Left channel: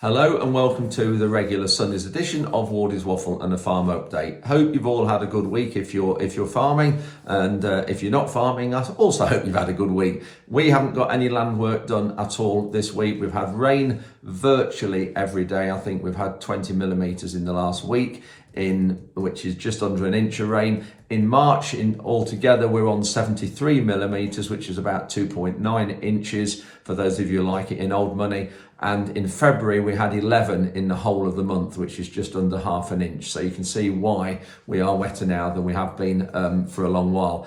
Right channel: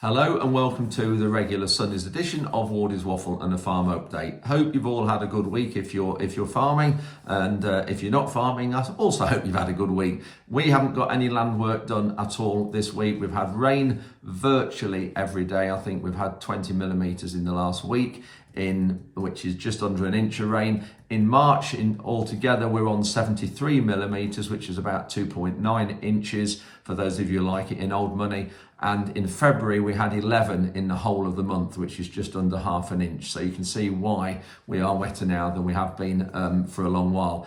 Hello and welcome to the regular Sunday's edition of Wardy's Waffle and a Farm Update. Hope you've all had a good week if you're farming, and if you're not farming, I also hope you've had a good week. We haven't got any land work done at all this week. We've had rain virtually every day. I think we've had 20 millimetres in the last week, which is just under an inch of rain. In March, altogether, we're on 73 millimetres, which is about 2.9 inches, for those of you who like it in old money. And in February, we had 11 in the whole of the month, which is just under half an inch. So you can see why we are wetter now than we have been for a long while.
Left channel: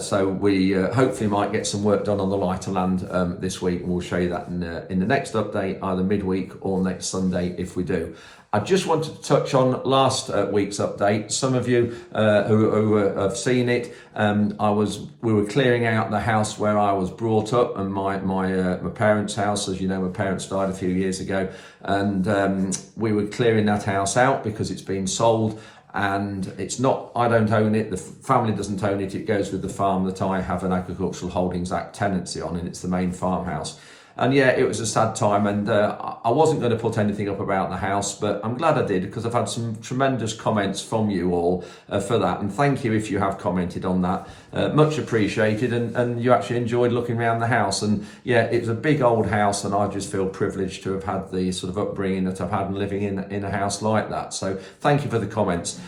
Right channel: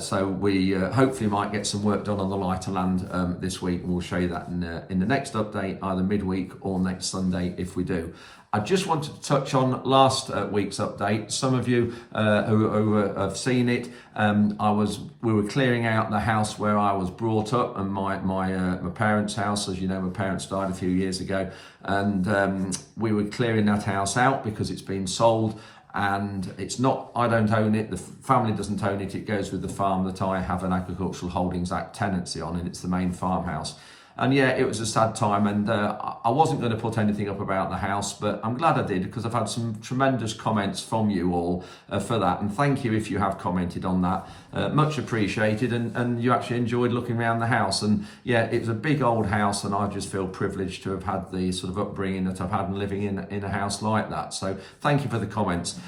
So we hopefully might get some work done on the lighter land this week. We'll show you that in the next update, either midweek or next Sunday if we do. I just wanted to touch on last week's update. Some of you who have seen it, we were clearing out the house where I was brought up, and my parents' house. As you know, my parents died a few years ago, and we were clearing that house out because it's been sold. And it's not, I don't own it, the family doesn't own it, it goes with the farm that I have an Agricultural Holdings Act tenancy on, and it's the main farmhouse. And yeah, it was a sad time, and I wasn't going to put anything up about the house, but I'm glad I did, because I've had some tremendous comments from you all for that, and thank you if you have commented on that. Much appreciated, and you actually enjoyed looking around the house. And yeah, it's a big old house, and I just feel privileged to have had the sort of upbringing that I've had and living in a house like that. So thank you for the comments.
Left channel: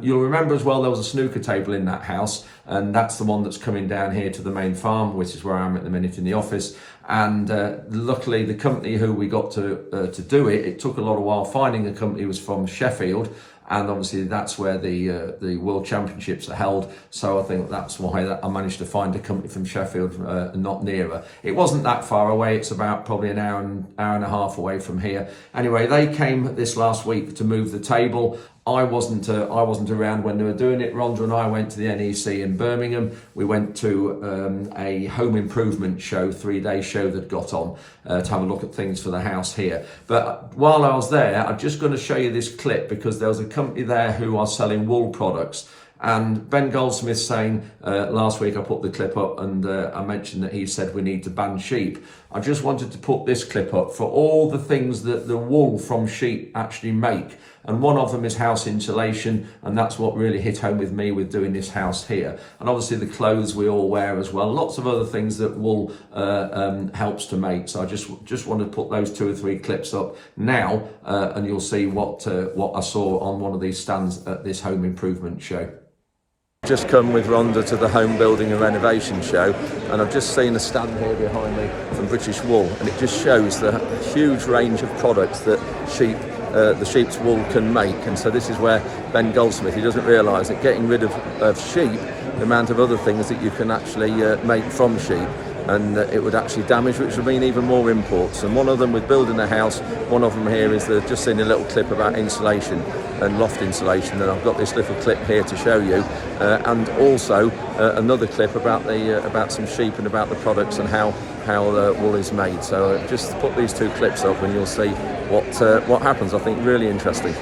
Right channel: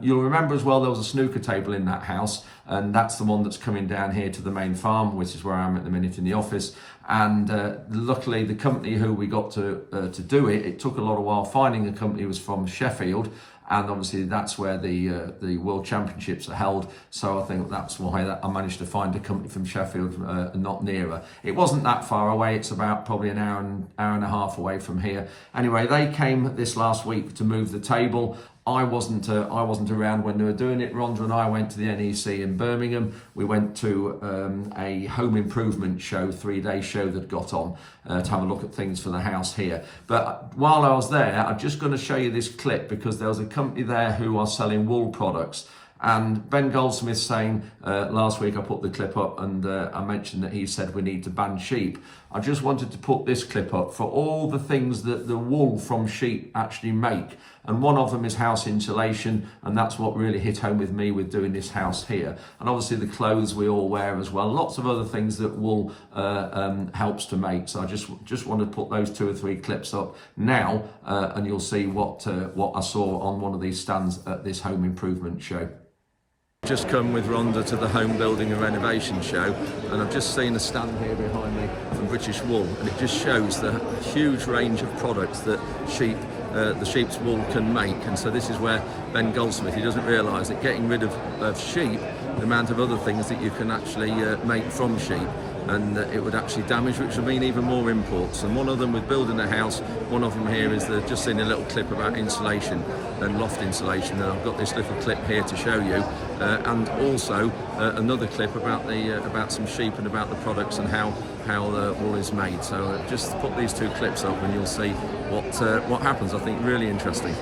You'll remember as well, there was a snooker table in that house, and that's the one that's coming down here to the main farm, which is where I am at the minute in the office. And luckily, the company who we got to do it took a lot of while finding a company. Was from Sheffield, and obviously that's where the World Championships are held. So I think that's why I managed to find a company from Sheffield, not nearer. It wasn't that far away. It's about probably an hour and a half away from here. Anyway, they came this last week to move the table. I wasn't around when they were doing it. Rhonda and I went to the NEC in Birmingham. We went to a home improvement show, 3-day show that got on to have a look at things for the house here. But while I was there, I'm just going to show you this clip, because there was a company there who are selling wool products. And Ben Goldsmith saying, last week I put the clip up, and I mentioned that he said we need to ban sheep. I just wanted to put this clip up for all the things that the wool from sheep actually make. And one of them is house insulation, and that's what really hit home with me with doing this house here. And obviously the clothes we all wear as well. Lots of other things that wool helps to make. So I just want to put those 2 or 3 clips up now, and you'll see what I saw on one of these stands at this home improvement show. Just come with Rhonda to the home building and renovation show, and I've just seen a stand here behind me from British Wool, and it just shows the huge range of products that the sheep's wool can make. And so this is where Ben Goldsmith, he doesn't realise that getting rid of sheep, the amount of other things that you can actually make from sheep, and it would actually damage, which would mean even more imports. And one of them with building a house, one of them here is just seen a little clip about insulation and loft insulation, and I've got this little clip here to show you, and also another clip about some sheep and about the products and how the wool is made. So just put these 2 clips up and you'll see what happens. I think really interesting.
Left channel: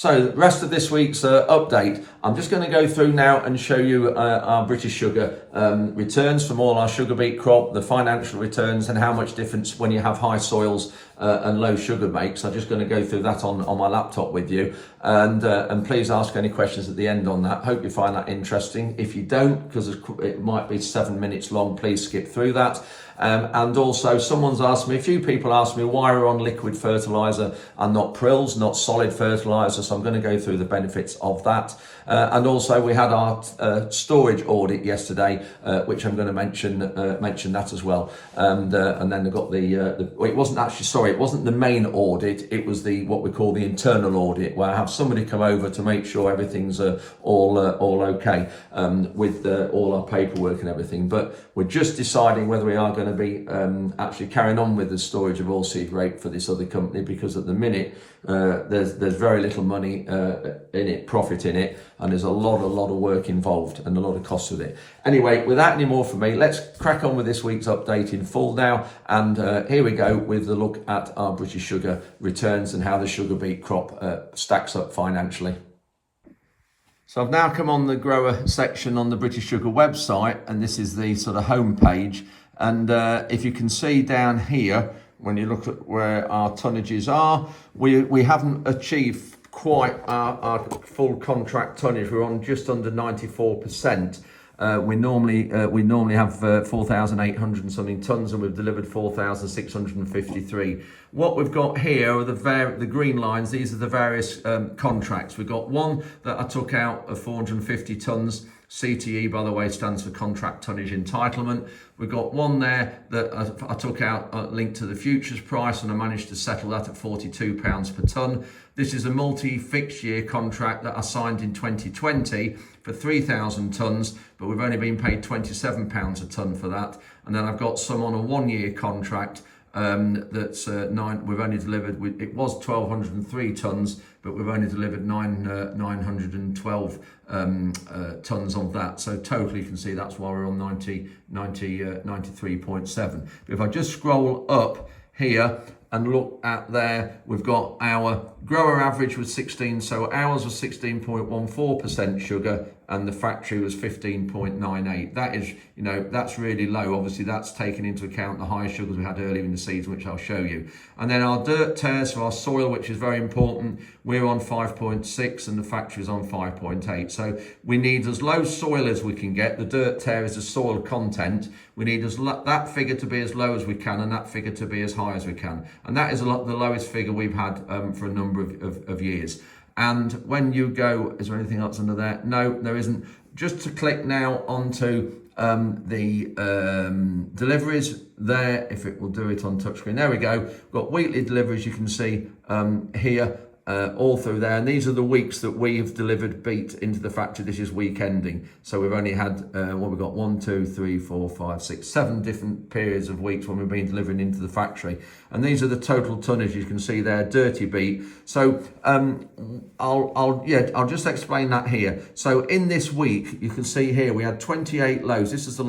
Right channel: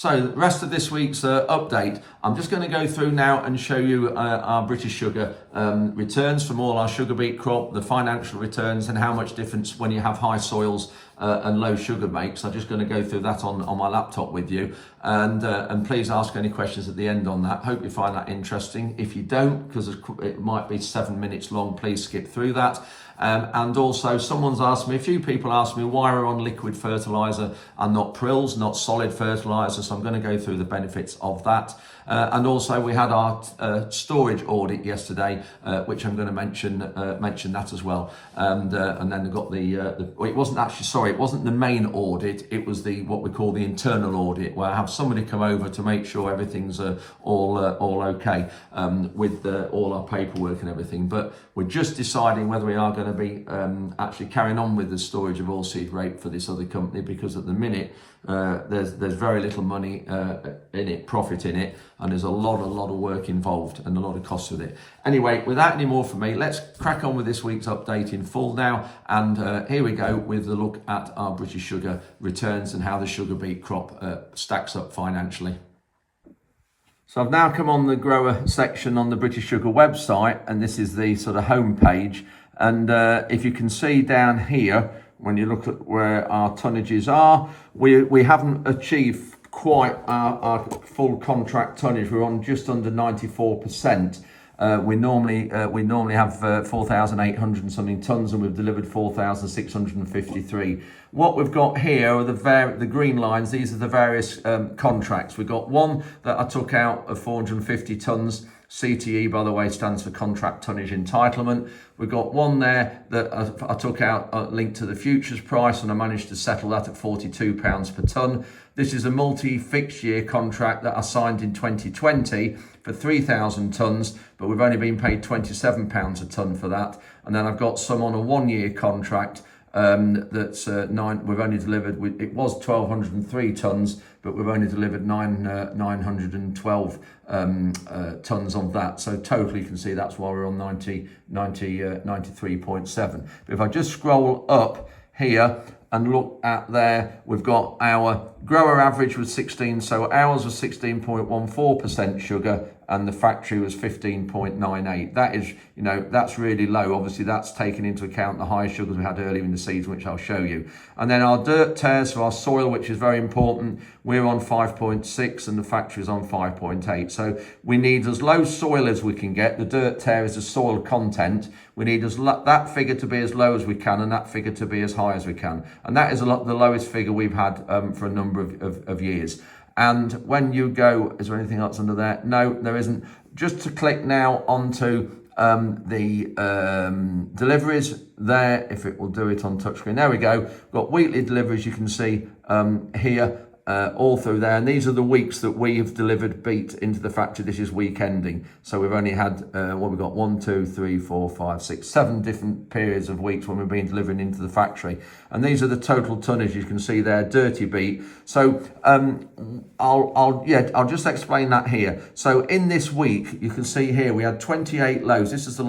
So the rest of this week's update, I'm just going to go through now and show you our British Sugar returns from all our sugar beet crop, the financial returns, and how much difference when you have high soils and low sugar makes. I'm just going to go through that on my laptop with you, and please ask any questions at the end on that. Hope you find that interesting. If you don't, because it might be 7 minutes long, please skip through that. And also, a few people asked me why we're on liquid fertilizer and not prills, not solid fertilizer. So I'm going to go through the benefits of that. And also, we had our storage audit yesterday, which I'm going to mention that as well. And then I got it wasn't the main audit. It was what we call the internal audit, where I have somebody come over to make sure everything's all okay with all our paperwork and everything. But we're just deciding whether we are going to be actually carrying on with the storage of oilseed rape for this other company, because at the minute there's very little money profit in it, and there's a lot of work involved and a lot of costs with it. Anyway, without any more from me, let's crack on with this week's update in full now, and here we go with the look at our British Sugar returns and how the sugar beet crop stacks up financially. So I've now come on the grower section on the British Sugar website, and this is the sort of home page. And if you can see down here, when you look at where our tonnages are, we haven't achieved quite our full contract tonnage. We're on just under 94%. We normally have 4,800 and something tons, and we've delivered 4,653. What we've got here are the green lines. These are the various contracts. We've got one that I took out of 450 tons. CTE, by the way, stands for contract tonnage entitlement. We've got one there that I took out linked to the futures price, and I managed to settle that at £42 per tonne. This is a multi-fixed year contract that I signed in 2020 for 3,000 tonnes, but we've only been paid £27 a tonne for that. And then I've got some on a 1 year contract that's we've only delivered, it was 1,203 tonnes, but we've only delivered 912 tonnes of that. So totally, you can see that's why we're on 93.7. But if I just scroll up here and look at there, we've got our grower average was 16, so ours was 16.14% sugar, and the factory was 15.98. That is, that's really low. Obviously, that's taken into account the high sugars we had earlier in the season, which I'll show you. And then our dirt tears for our soil, which is very important, we're on 5.6 and the factory is on 5.8. So we need as low soil as we can get. The dirt tear is the soil content. We need that figure to be as low as we can, and that figure to be as high as we can. And that is the lowest figure we've had for a number of years. And when you go, is there anything else under there? No, there isn't. Just to click now onto the deliveries there, if it will do it on touchscreen. There we go. We've got weekly deliveries, you can see here, all through there. And these are the weeks that we have delivered beet into the factory. This is week ending. So we've only had, we've got 1, 2, 3, 4, 5, 6, 7 different periods of weeks when we've been delivering into the factory. And these are the total tonnage you can see there, dirty beet. So I'll just explain that here. So in this week, you can see here, we had 28 loads. This is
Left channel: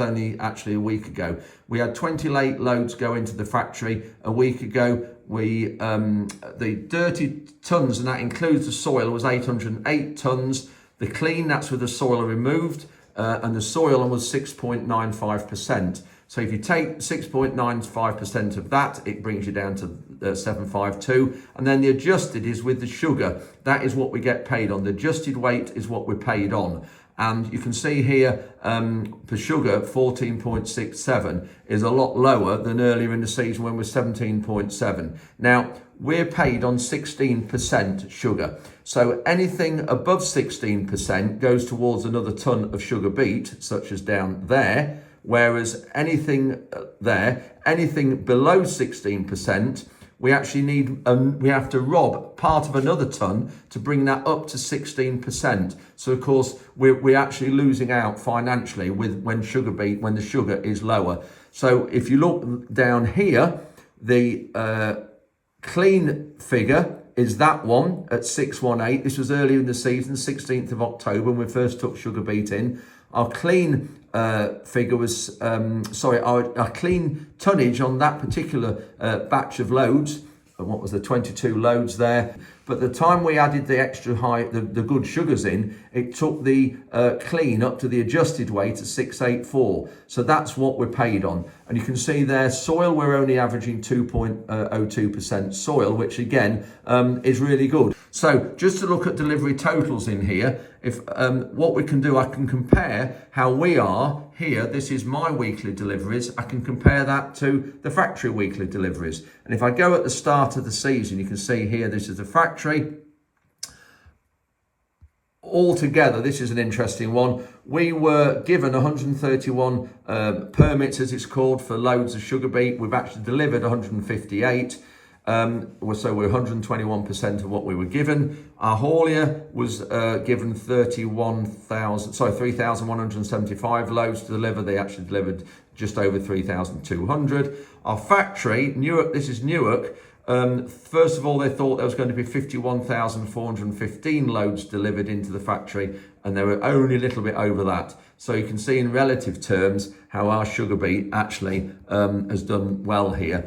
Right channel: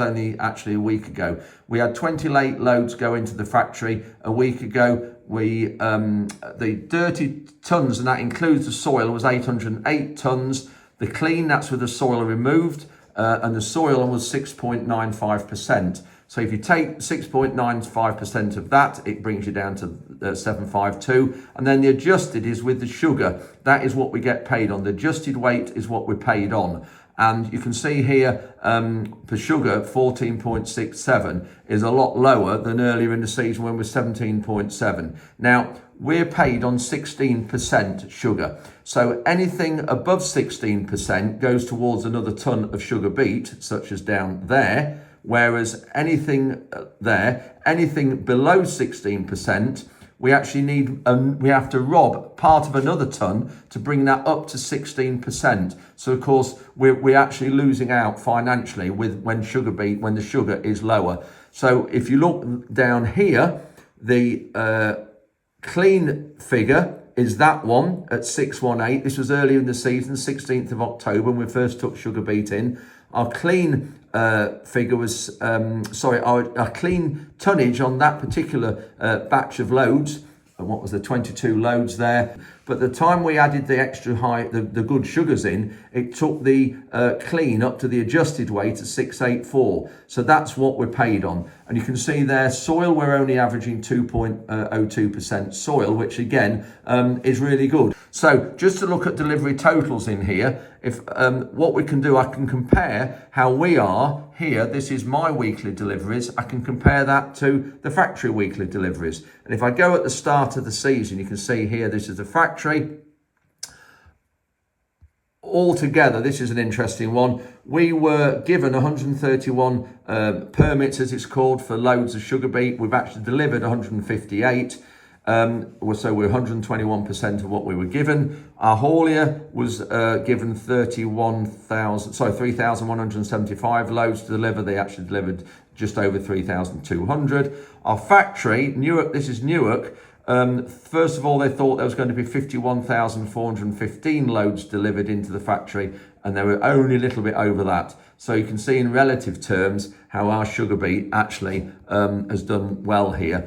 only actually a week ago. We had 28 loads go into the factory a week ago. The dirty tons, and that includes the soil, was 808 tons. The clean, that's with the soil removed, and the soil was 6.95%. So if you take 6.95% of that, it brings you down to 752. And then the adjusted is with the sugar. That is what we get paid on. The adjusted weight is what we're paid on. And you can see here, for sugar, 14.67 is a lot lower than earlier in the season when we're 17.7. Now, we're paid on 16% sugar. So anything above 16% goes towards another tonne of sugar beet, such as down there. Whereas anything below 16%, we actually we have to rob part of another tonne to bring that up to 16%. So of course we're actually losing out financially when the sugar is lower. So if you look down here, the clean figure is that one at 618. This was earlier in the season, 16th of October, when we first took sugar beet in. Our clean figure was, our clean tonnage on that particular batch of loads, what was the 22 loads there, But the time we added the extra high, the good sugars in, it took the clean up to the adjusted weight at 684. So that's what we're paid on. And you can see there, soil, we're only averaging 2.02% soil, which again is really good. So just to look at delivery totals in here, if what we can do, I can compare how we are here. This is my weekly deliveries. I can compare that to the factory weekly deliveries. And if I go at the start of the season, you can see here, this is the factory. Altogether, this is an interesting one. We were given 131 permits, as it's called, for loads of sugar beet. We've actually delivered 158. So we're 121% of what we were given. Our haulier was given 3,175 loads to deliver. They actually delivered just over 3,200. Our factory, Newark, this is Newark. First of all, they thought there was going to be 51,415 loads delivered into the factory, and they were only a little bit over that. So you can see in relative terms how our sugar beet actually has done well here,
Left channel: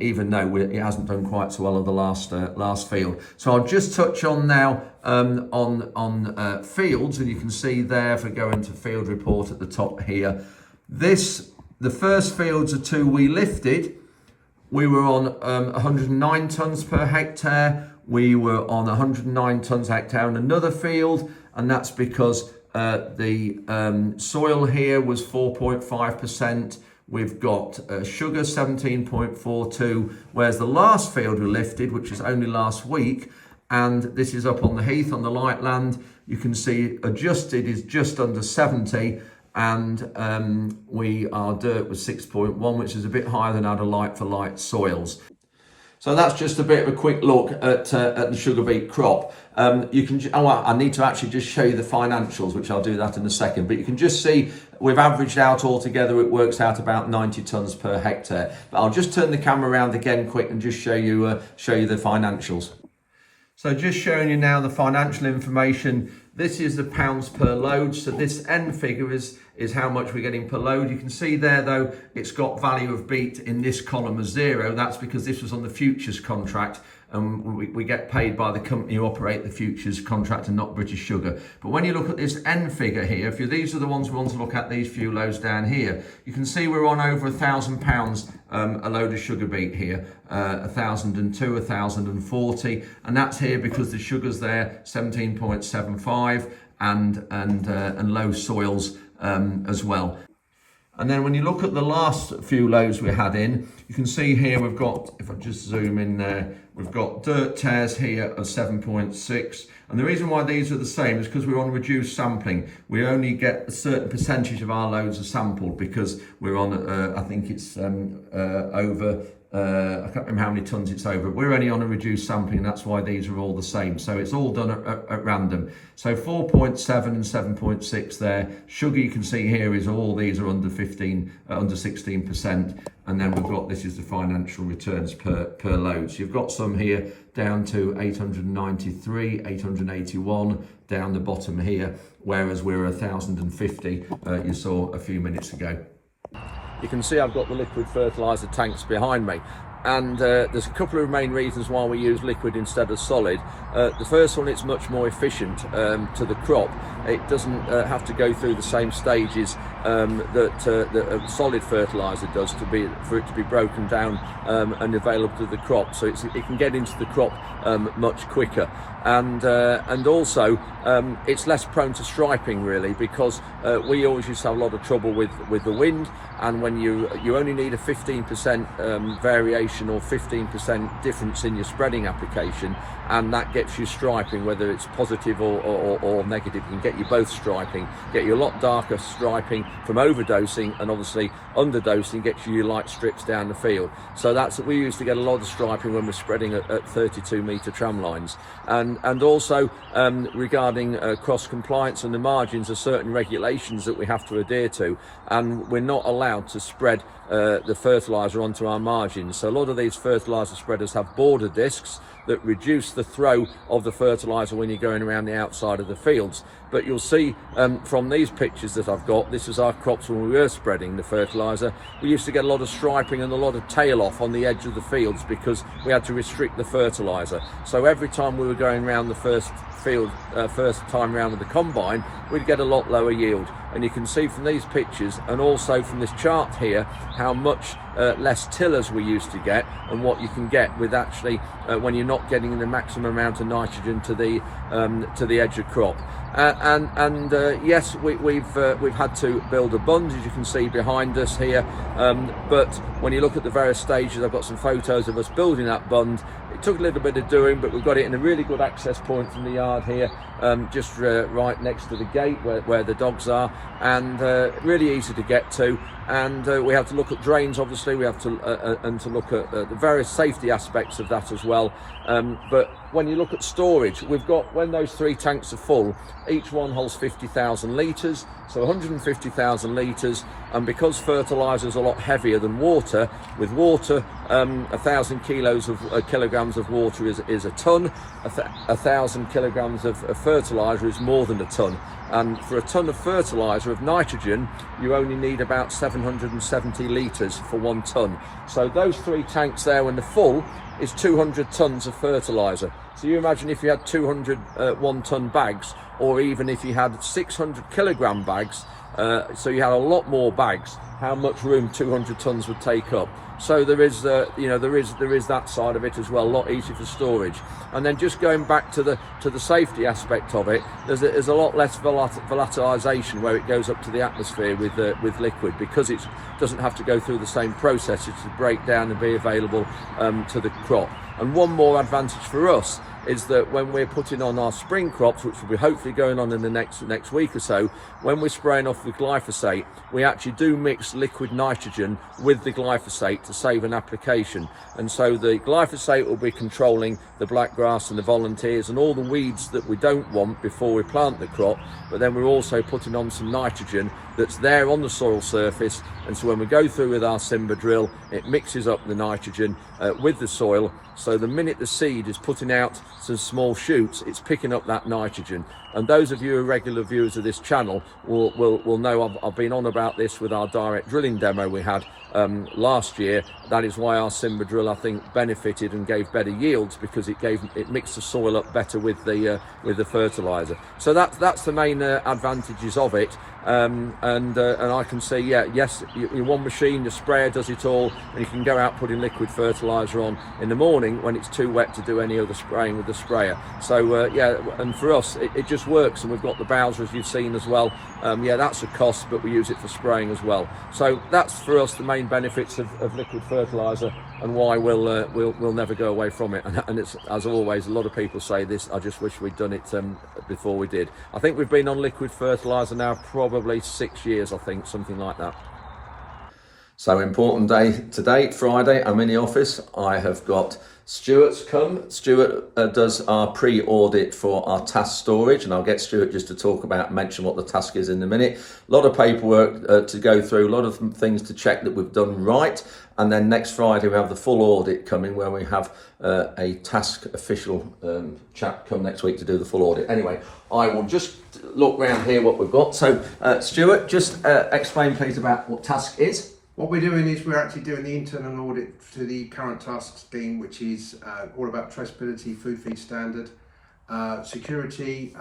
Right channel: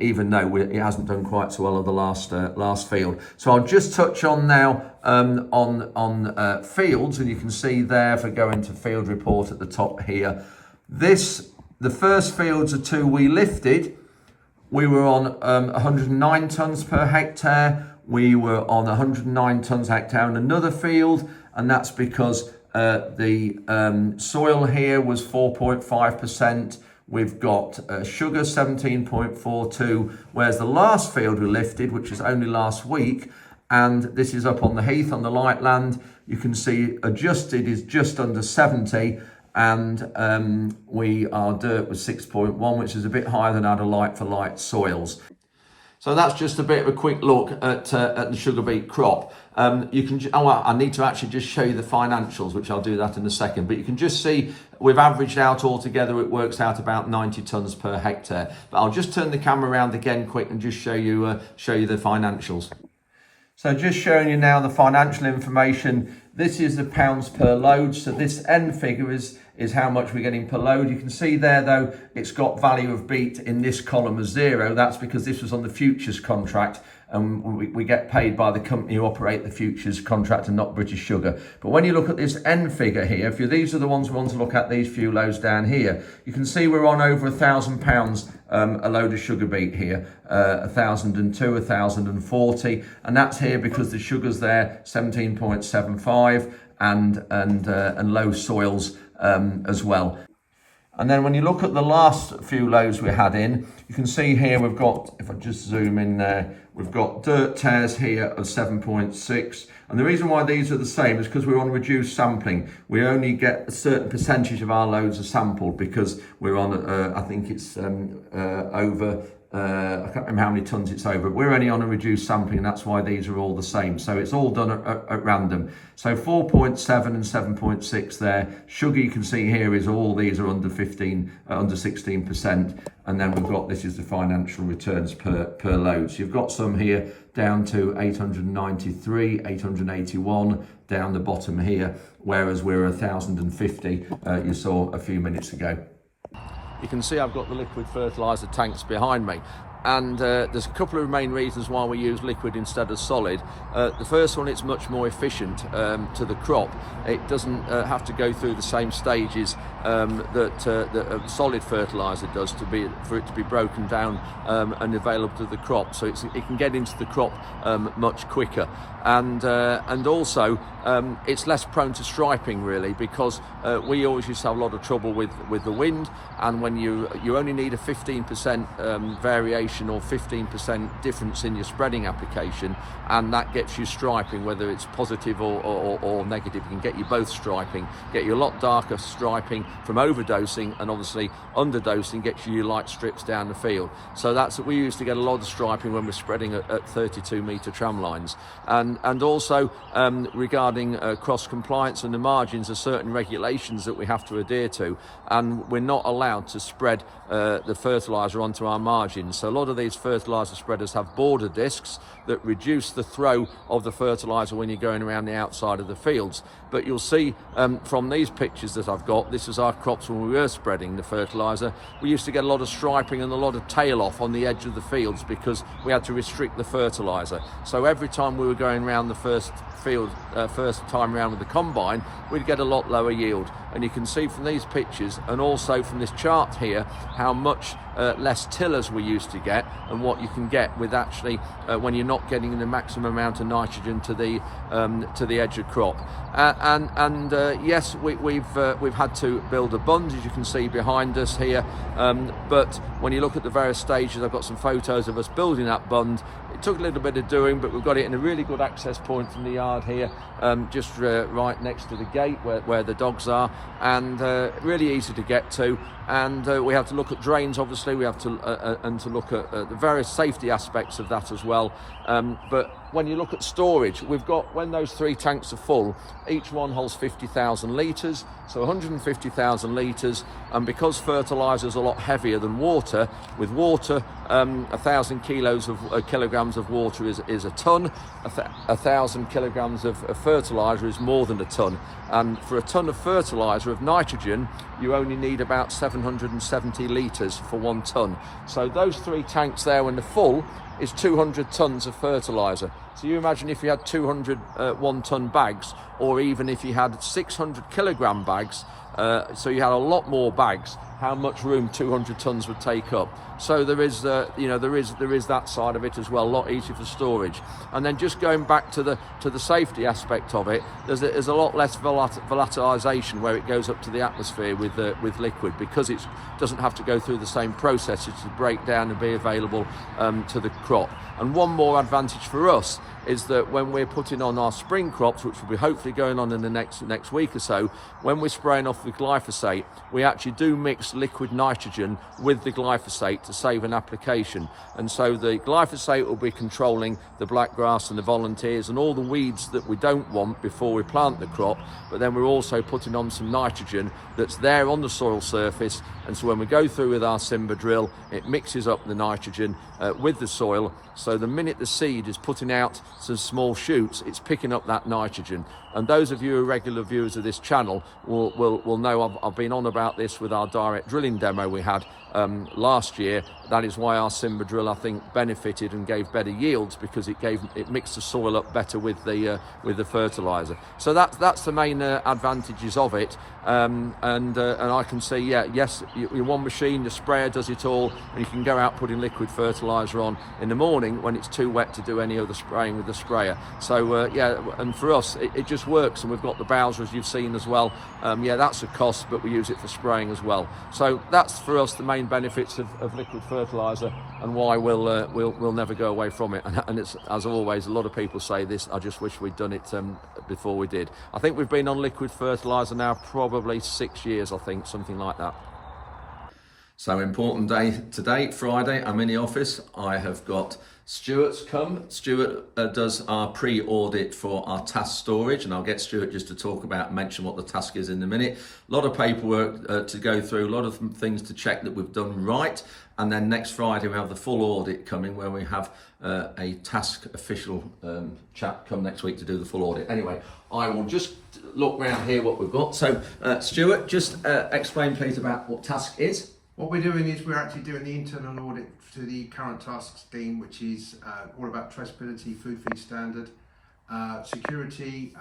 even though it hasn't done quite so well on the last field. So I'll just touch on now on fields, and you can see there, if I go into field report at the top here, the first fields are two we lifted. We were on 109 tonnes per hectare. We were on 109 tonnes per hectare in another field, and that's because the soil here was 4.5%. We've got sugar 17.42, whereas the last field we lifted, which was only last week, and this is up on the heath on the light land, you can see adjusted is just under 70. And our dirt was 6.1, which is a bit higher than our like-for-like soils. So that's just a bit of a quick look at the sugar beet crop. I need to actually just show you the financials, which I'll do that in a second. But you can just see we've averaged out altogether, it works out about 90 tonnes per hectare. But I'll just turn the camera around again quick and just show you the financials. So just showing you now the financial information. This is the pounds per load. So this end figure is how much we're getting per load. You can see there, though, it's got value of beet in this column as 0. That's because this was on the futures contract, and we get paid by the company who operate the futures contract and not British Sugar. But when you look at this end figure here, these are the ones we want to look at, these few loads down here, you can see we're on over £1,000 a load of sugar beet here, 1,002, 1,040, and that's here because the sugar's there 17.75 and low soils as well. And then when you look at the last few loads we had in, you can see here we've got, if I just zoom in there, we've got dirt tares here of 7.6. And the reason why these are the same is because we're on reduced sampling. We only get a certain percentage of our loads are sampled because we're on, I think it's over, I can't remember how many tonnes it's over. We're only on a reduced sampling, and that's why these are all the same. So it's all done at random. So 4.7 and 7.6 there. Sugar, you can see here, is all these are under 16%. And then we've got, this is the financial returns per load. So you've got some here down to 893, 881 down the bottom here, whereas we're 1,050 you saw a few minutes ago. You can see I've got the liquid fertilizer tanks behind me, and there's a couple of main reasons why we use liquid instead of solid. The first one, it's much more efficient to the crop. It doesn't have to go through the same stages that solid fertilizer does for it to be broken down and available to the crop. So it can get into the crop much quicker, and also it's less prone to striping, really, because we always used to have a lot of trouble with the wind, and when you only need a 15% variation or 15% difference in your spreading application, and that gets you striping, whether it's positive or negative. It can get you both striping, get you a lot darker striping from overdosing, and obviously underdosing gets you your light strips down the field. So we used to get a lot of striping when we're spreading at 32 metre tram lines. And also regarding cross compliance and the margins, are certain regulations that we have to adhere to, and we're not allowed to spread the fertilizer onto our margins. So a lot of these fertilizer spreaders have border discs that reduce the throw of the fertilizer when you're going around the outside of the fields. But you'll see from these pictures that I've got, this is our crops when we were spreading the fertilizer. We used to get a lot of striping and a lot of tail off on the edge of the fields because we had to restrict the fertilizer. So every time we were going around the first time around with the combine, we'd get a lot lower yield. And you can see from these pictures and also from this chart here how much less tillers we used to get and what you can get with actually when you're not getting the maximum amount of nitrogen to the edge of crop. Yes, we've had to build a bund, as you can see behind us here, but when you look at the various stages, I've got some photos of us building that bund. It took a little bit of doing, but we've got it in a really good access point from the yard here, just right next to the gate where the dogs are, and really easy to get to. And we have to look at drains, obviously. We have to and to look at the various safety aspects of that as well. But when you look at storage, we've got, when those 3 tanks are full, each one holds 50,000 litres, so 150,000 litres. And because fertiliser is a lot heavier than water, with water, 1,000 kilograms of water is a tonne. 1,000 kilograms of fertiliser is more than a tonne. And for a tonne of fertiliser of nitrogen, you only need about 770 litres for 1 tonne. So those 3 tanks there, when they're full, is 200 tonnes of fertiliser. So you imagine if you had 200 1-tonne bags, or even if you had 600 kilogram bags, so you had a lot more bags, how much room 200 tonnes would take up. So there is, there is that side of it as well, a lot easier for storage. And then just going back to the safety aspect of it, there's a lot less volatilisation where it goes up to the atmosphere with liquid, because it doesn't have to go through the same processes to break down and be available to the crop. And one more advantage for us is that when we're putting on our spring crops, which will be hopefully going on in the next week or so, when we're spraying off the glyphosate, we actually do mix liquid nitrogen with the glyphosate to save an application. And so the glyphosate will be controlling the blackgrass and the volunteers and all the weeds that we don't want before we plant the crop, but then we're also putting on some nitrogen that's there on the soil surface. And so when we go through with our Simba drill, it mixes up the nitrogen with the soil. So the minute the seed is putting out some small shoots, it's picking up that nitrogen. And those of you who are regular viewers of this channel will know I've been on about this with our direct drilling demo we had last year. That is why our Simba drill, I think, benefited and gave better yields, because it mixed the soil up better with the fertilizer. So that's the main advantages of it. And I can say, yes, your one machine, the sprayer, does it all, and you can go out putting liquid fertilizer on in the morning when it's too wet to do any other spraying with the sprayer. So and for us it just works, and we've got the Bowser, as you've seen as well. That's a cost, but we use it for spraying as well. So that's for us the main benefits of liquid fertilizer, and why we'll never go away from it. And it's, as always, a lot of people say this, I just wish we'd done it before we did. I think we've been on liquid fertilizer now probably 6 years, I think, something like that. So important day today, Friday. I'm in the office. I have got Stuart's come. Stuart does our pre-audit for our task storage, and I'll get Stuart just to mention what the task is in a minute. A lot of paperwork to go through, a lot of things to check that we've done right. And then next Friday we have the full audit coming, where we have a task official chap come next week to do the full audit. Anyway, I will just look round here what we've got. So Stuart, just explain please about what task is. What we're doing is we're actually doing the internal audit to the current tasks team, which is all about traceability, food feed standard, security,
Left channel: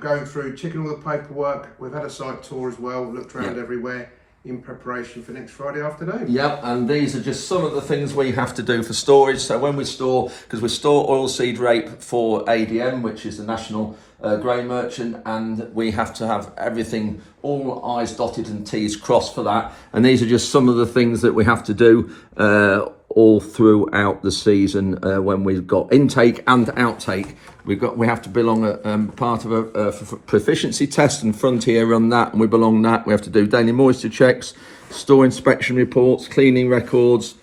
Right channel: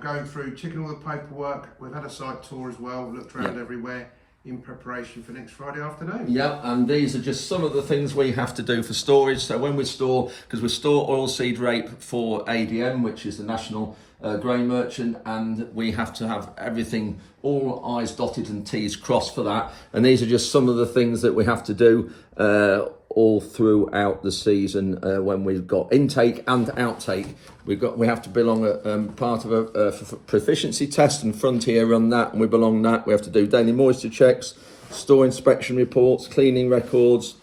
going through, checking all the paperwork. We've had a site tour as well, looked around everywhere in preparation for next Friday afternoon. Yep, and these are just some of the things we have to do for storage. So when we store, because we store oilseed rape for ADM, which is the National Grain Merchant, and we have to have everything, all I's dotted and T's crossed for that. And these are just some of the things that we have to do all throughout the season when we've got intake and outtake. We have to belong part of a proficiency test, and Frontier run that, and we belong that. We have to do daily moisture checks, store inspection reports, cleaning records,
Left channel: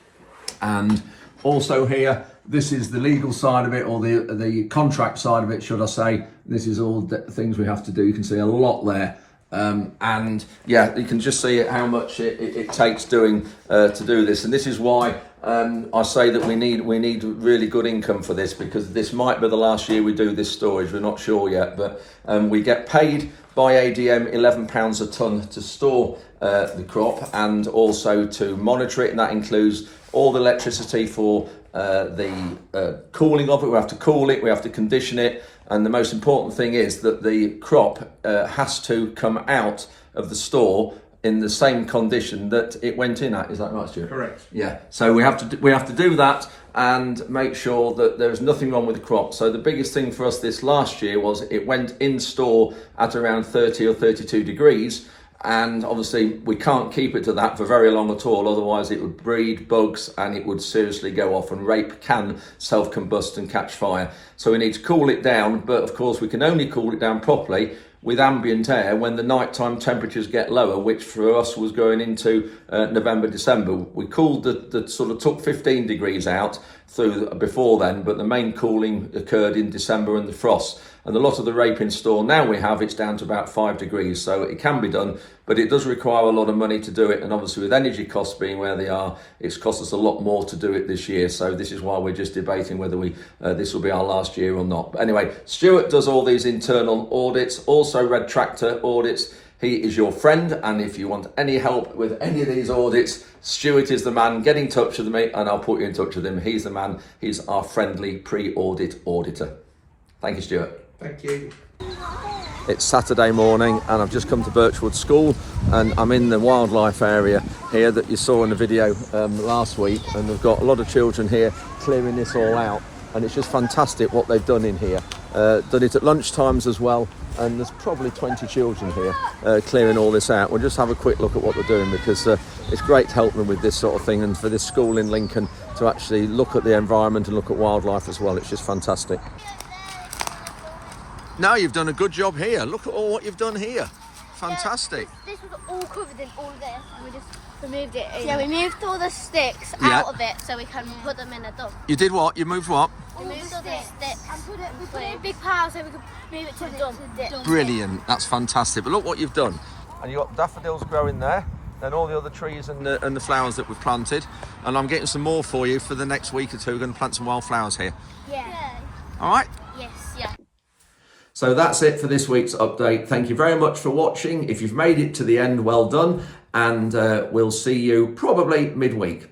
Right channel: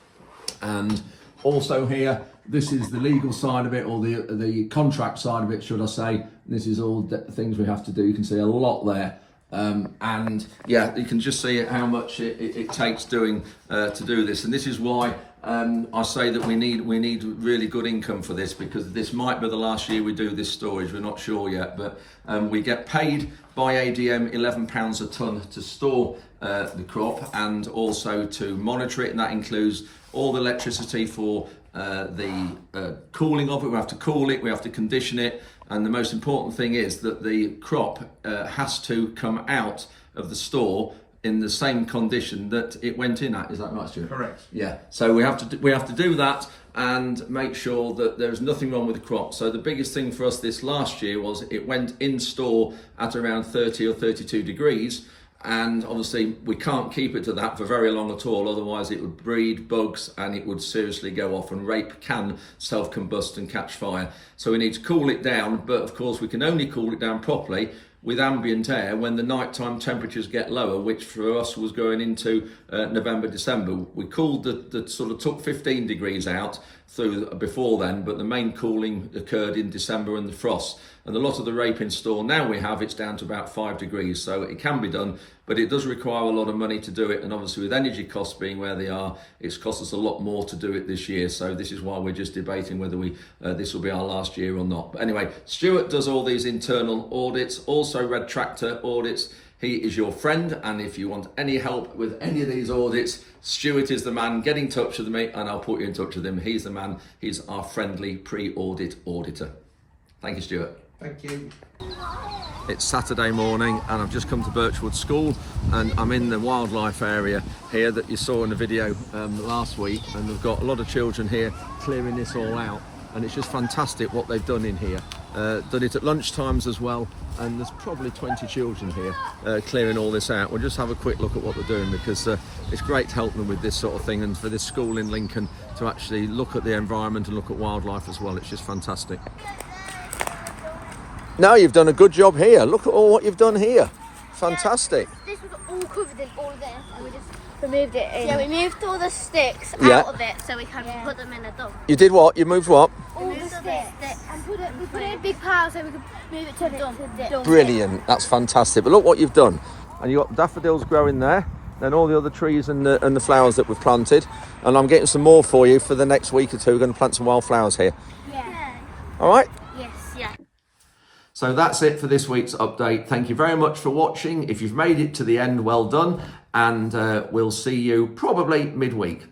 and also here, this is the legal side of it, or the contract side of it, should I say. This is all the things we have to do. You can see a lot there. And yeah, you can just see how much it takes to do this. And this is why I say that we need really good income for this, because this might be the last year we do this storage. We're not sure yet, but we get paid by ADM £11 a tonne to store the crop and also to monitor it, and that includes all the electricity for the cooling of it. We have to cool it, we have to condition it, and the most important thing is that the crop has to come out of the store in the same condition that it went in at. Is that right, Stuart? Correct. Yeah. So we have to do that and make sure that there's nothing wrong with the crop. So the biggest thing for us this last year was it went in store at around 30 or 32 degrees. And obviously we can't keep it to that for very long at all, otherwise it would breed bugs and it would seriously go off, and rape can self-combust and catch fire. So we need to cool it down, but of course we can only cool it down properly with ambient air when the nighttime temperatures get lower, which for us was going into November, December. We cooled the sort of took 15 degrees out through before then, but the main cooling occurred in December and the frost. And a lot of the rape in store now it's down to about 5 degrees, so it can be done, but it does require a lot of money to do it. And obviously with energy costs being where they are, it's cost us a lot more to do it this year. So this is why we're just debating whether this will be our last year or not. But anyway, Stuart does all these internal audits, also Red Tractor audits. He is your friend, and if you want any help with any of these audits, Stuart is the man. Get in touch with me and I'll put you in touch with him. He's the man. He's our friendly pre-audit auditor. Thank you, Stuart. Thank you. It's Saturday morning and I've just come to Birchwood School, and I'm in the wildlife area here that you saw in the video last week, and they've got a lot of children here clearing this all out, and it's just fantastic what they've done in here. Done it at lunch times as well, and there's probably 20 children here clearing all this out. We'll just have a quick look at what they're doing, because it's great to help them with this sort of thing, and for this school in Lincoln to actually look at the environment and look at wildlife as well. It's just fantastic. Now you've done a good job here. Look at all what you've done here. Fantastic. This was all covered in all this, and we just removed it in. Yeah, we moved all the sticks out of it so we can put them in a dump. You did what? You moved what? All the sticks. And we put it in a big pile so we could move it to a dump. Brilliant. That's fantastic. But look what you've done. And you've got daffodils growing there, and all the other trees and the flowers that we've planted. And I'm getting some more for you for the next week or two. We're going to plant some wildflowers here. Yeah. All right? Yes, yeah. So that's it for this week's update. Thank you very much for watching. If you've made it to the end, well done. And we'll see you probably midweek.